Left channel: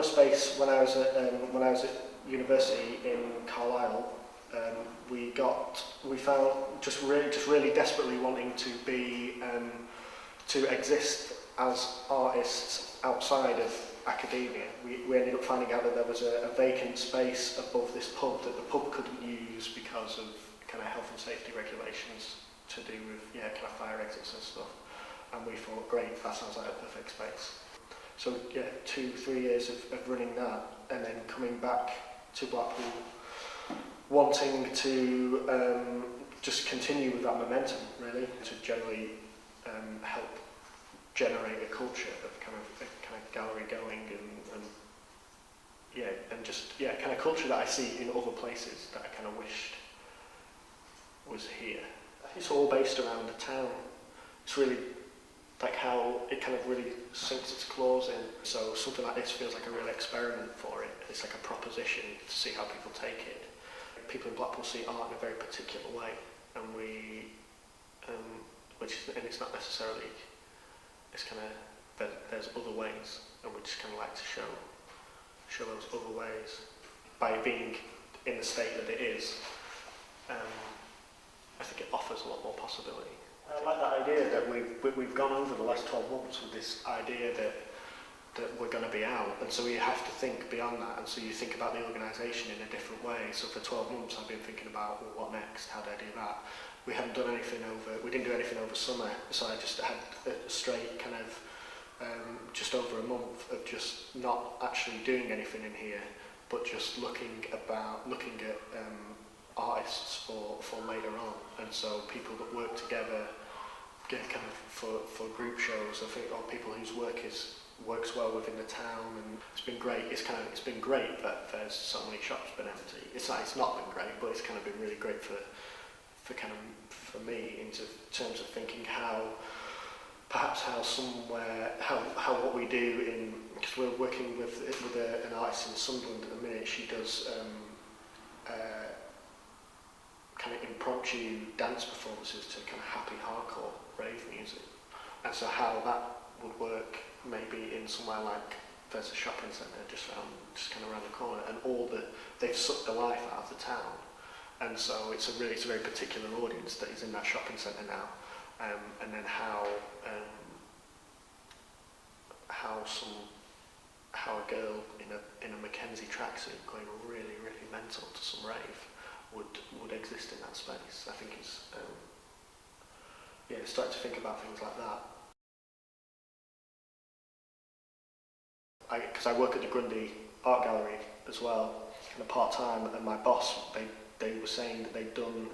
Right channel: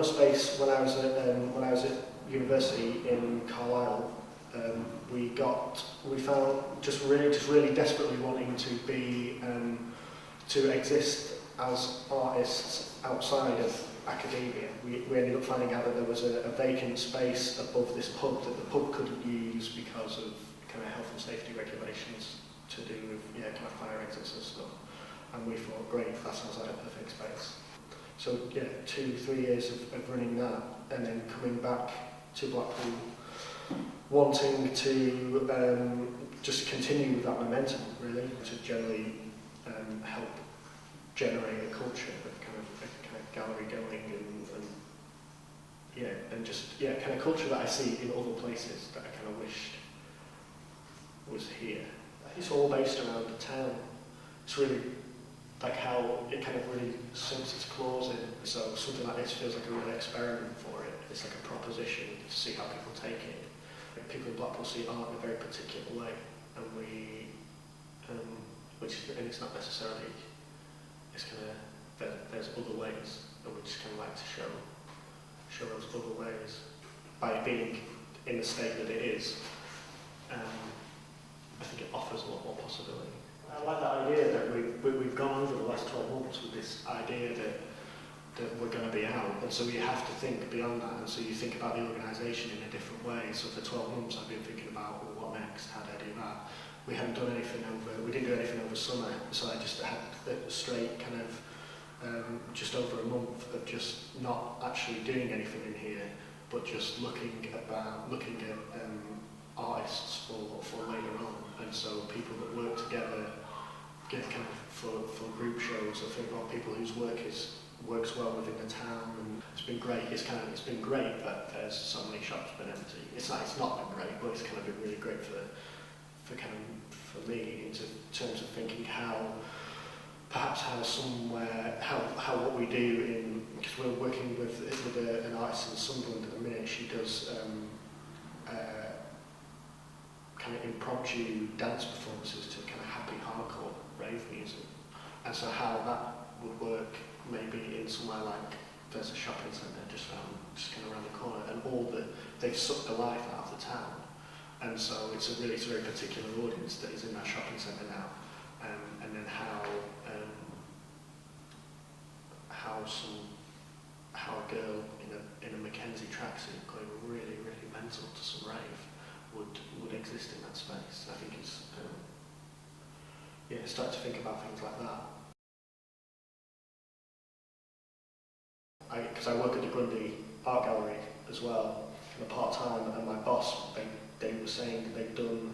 run a space when I was at university in Carlisle. We found just really desperately wanting to be to exist as artists outside of academia. We ended up finding out that there was a vacant space above this pub that the pub couldn't use because of kind of health and safety regulations to do with kind of fire exits and stuff. And we thought, great, that sounds like a perfect space. So yeah, 2-3 years of running that, and then coming back to Blackpool, wanting to just continue with that momentum, really, to generally help generate a culture of kind of gallery going and just kind of culture that I see in other places that I kind of wished was here. It's all based around the town. It's really like how it kind of really sinks its claws in. So something like this feels like a real experiment for it. It's like a proposition to see how people take it. People in Blackpool see art in a very particular way, and and it's not necessarily, it's kind of, there's other ways, and we just kind of like to show those other ways. By it being in the state that it is, I think it offers a lot more possibility. I like that idea that we've gone over the last 12 months with this idea that we're going to be out, and so you have to think beyond that, and so you think about the organisation in a different way. So for 12 months I've been thinking about, well, what next, how do I do that? We didn't do anything over summer, so I just had a straight kind of just over a month of just not actually doing anything in here, but just looking at artists for later on. And so people that work together get kind of for group shows, I think, or people whose work works well within the town, and it's been great. It's been great that there's so many shops been empty. It's not been great, but it's kind of been really great for me in terms of thinking how what we do because we're working with an artist in Sunderland at the minute. She does kind of impromptu dance performances to kind of happy hardcore rave music, and so how that would work maybe in somewhere like there's a shopping centre just kind of around the corner, and they've sucked the life out of the town, and so it's a very particular audience that is in that shopping centre now, and then how a girl in a Mackenzie tracksuit going really mental to some rave would exist in that space. I think it's start to think about things like that. Because I work at the Grundy Art Gallery as well, kind of part-time, and my boss, they were saying that they'd done,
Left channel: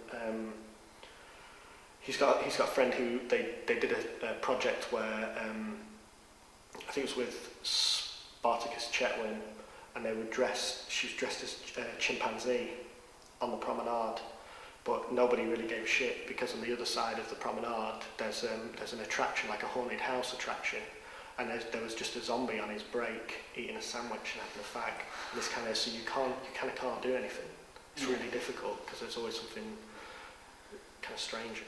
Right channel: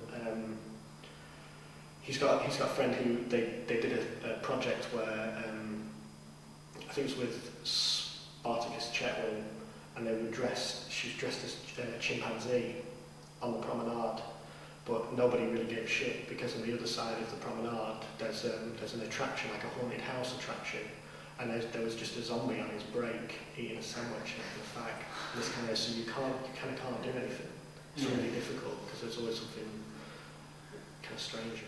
he's got a friend who, they did a project where, I think it was with Spartacus Chetwynd, and she was dressed as a chimpanzee on the promenade, but nobody really gave a shit, because on the other side of the promenade there's an attraction, like a haunted house attraction, and there was just a zombie on his break eating a sandwich and having a fag. And it's kind of, so you kind of can't do anything. It's really difficult because there's always something kind of strange.